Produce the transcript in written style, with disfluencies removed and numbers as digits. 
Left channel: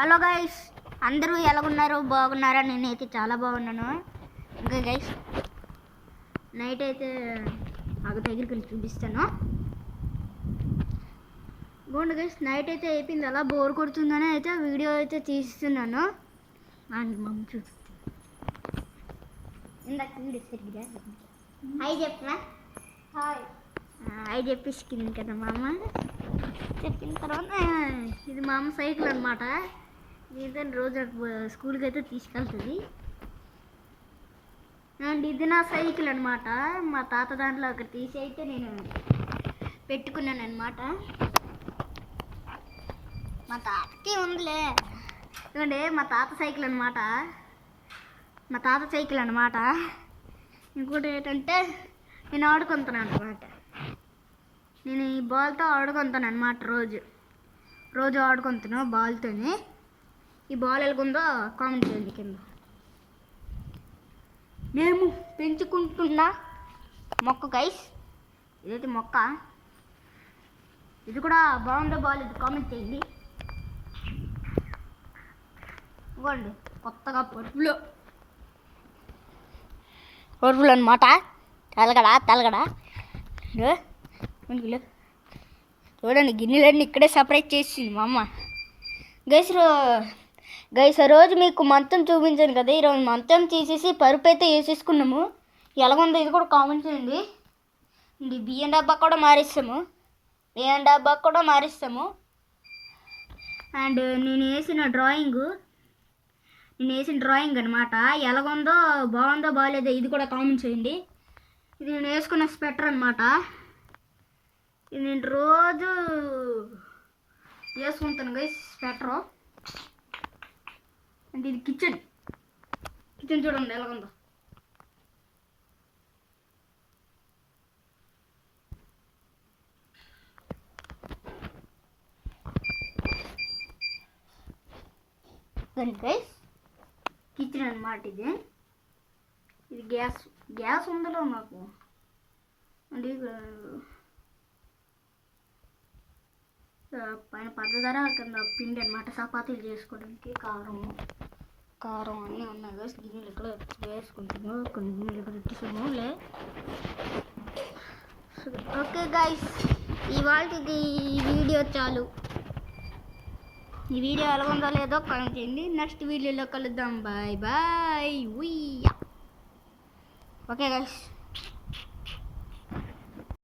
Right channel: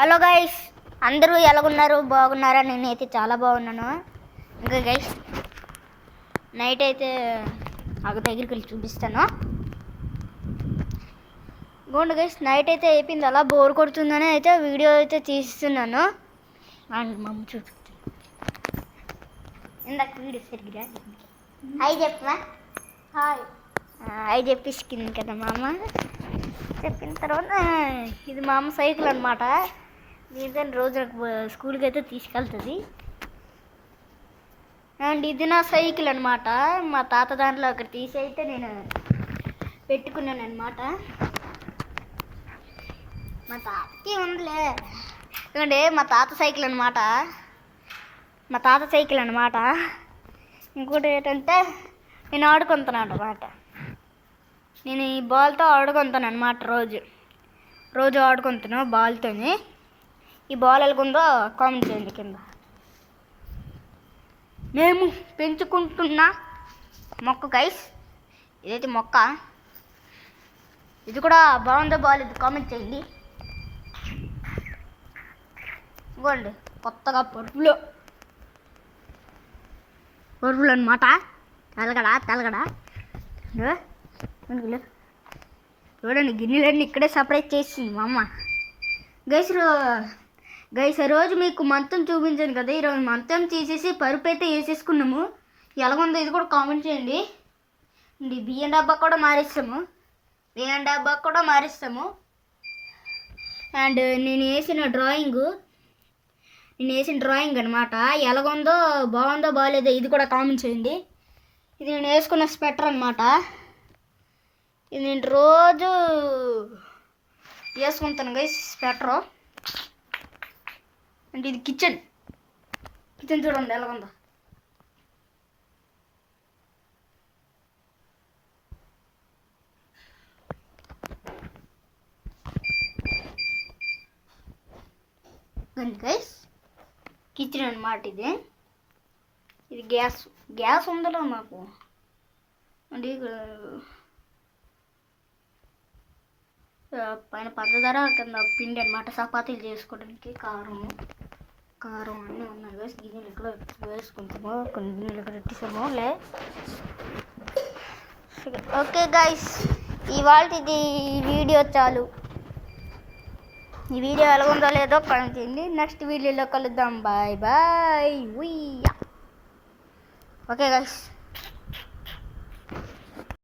Hello guys, అందరూ ఎలాగున్నారు? బాగున్నారా? నేనైతే చాలా బాగున్నాను. ఇంకా గైస్ నైట్ అయితే దగ్గరికి వెళ్ళి చూపిస్తాను. గోండి గైస్, నైట్ అయితే అయిపోయింది. అలా బోర్ కొడుతుందని అయితే వీడియో అయితే తీస్తున్నాను. అండ్ మా అమ్మ చూపిస్తాను. ఇందాక వీడియో సరిగ్గా హాయ్ చెప్పవా? హాయ్ చెప్పిస్తుంది కదా మా అమ్మ. చెప్పిన తర్వాత ఇది మా అమ్మ సైకిల్ అనమాట. దీంతో రోజు నాకు స్కూల్కి అయితే తీసుకెళ్తుంది. అండ్ ఇది నా సైకిల్ అనమాట. మా తాత దాంట్లో ఒకటి తీసి అయితే నేను పెట్టుకున్నాను అనమాట. మా తాతకి ఉందిలే. ఎందుకంటే మా తాత సైకిల్ అనమాట. ఇంకోటి ఏంటంటే నేను ఆడుకుంటున్నాను అనమాట. నేను ఈ బాల్తో ఆడుకుంటాను అనమాట. రోజు ఆడుకుంటాను బాల్తోని. ఈ బాల్ ఎలాగుందో కామెంట్ చేయండి కింద. మేము పెంచుకుంటున్న మొక్క గైస్, ఇదైతే మొక్క. ఇది కూడా బాగుందో బాగాలేదు కామెంట్ చేయండి. ఇవ్వండి కొత్తగా పరుపులు అనమాట. తెలగడా చూడండి, గిన్నెలన్నీ ఇక్కడే సపరేట్ చేసింది మా అమ్మ. గైస్ రోజు మీకు మంతం చూపించాను కదా, ఈరోజు మంతం తీసేసి పరుపు అయితే వేసేసుకున్నాము. ఎలాగుందో ఇది కూడా కామెంట్ చేయండి. బియ్యం డబ్బా కూడా మారిస్తాము. అండ్ నేను వేసిన డ్రాయింగ్ అనమాట. ఎలాగుందో, బాగుందో బాగాలేదో ఇది కూడా కామెంట్ చేయండి. ఇది నేను వేసుకున్న స్వెటర్ అనమాట. ఇది నేను రోజు వేసుకుంటాను గైస్ స్వెటరు. అంటే ఇది కిచెన్ చూడండి ఎలాగుందో. గైస్ కిచెన్ అనమాట. ఇది గ్యాస్ ఉందలో మాకు. అంటే పైన పంచదార, కింద పిండి అనమాట చపాతీలు చేసుకోవడానికి. కారం అన్నీ ఉన్నాయి గైస్. గిన్నెలు ఇక్కడ వేసుకుంటాము, కొన్ని గిన్నెలు ఇక్కడ పెట్టేసాము. ఓకే గైస్, ఇవాళది వీడియో చాలు. ఈ వీడియో ఎలాగుందో లేదో కామెంట్ చేయండి. నెక్స్ట్ వీడియోలో కలుద్దాం. బాయ్. Okay guys.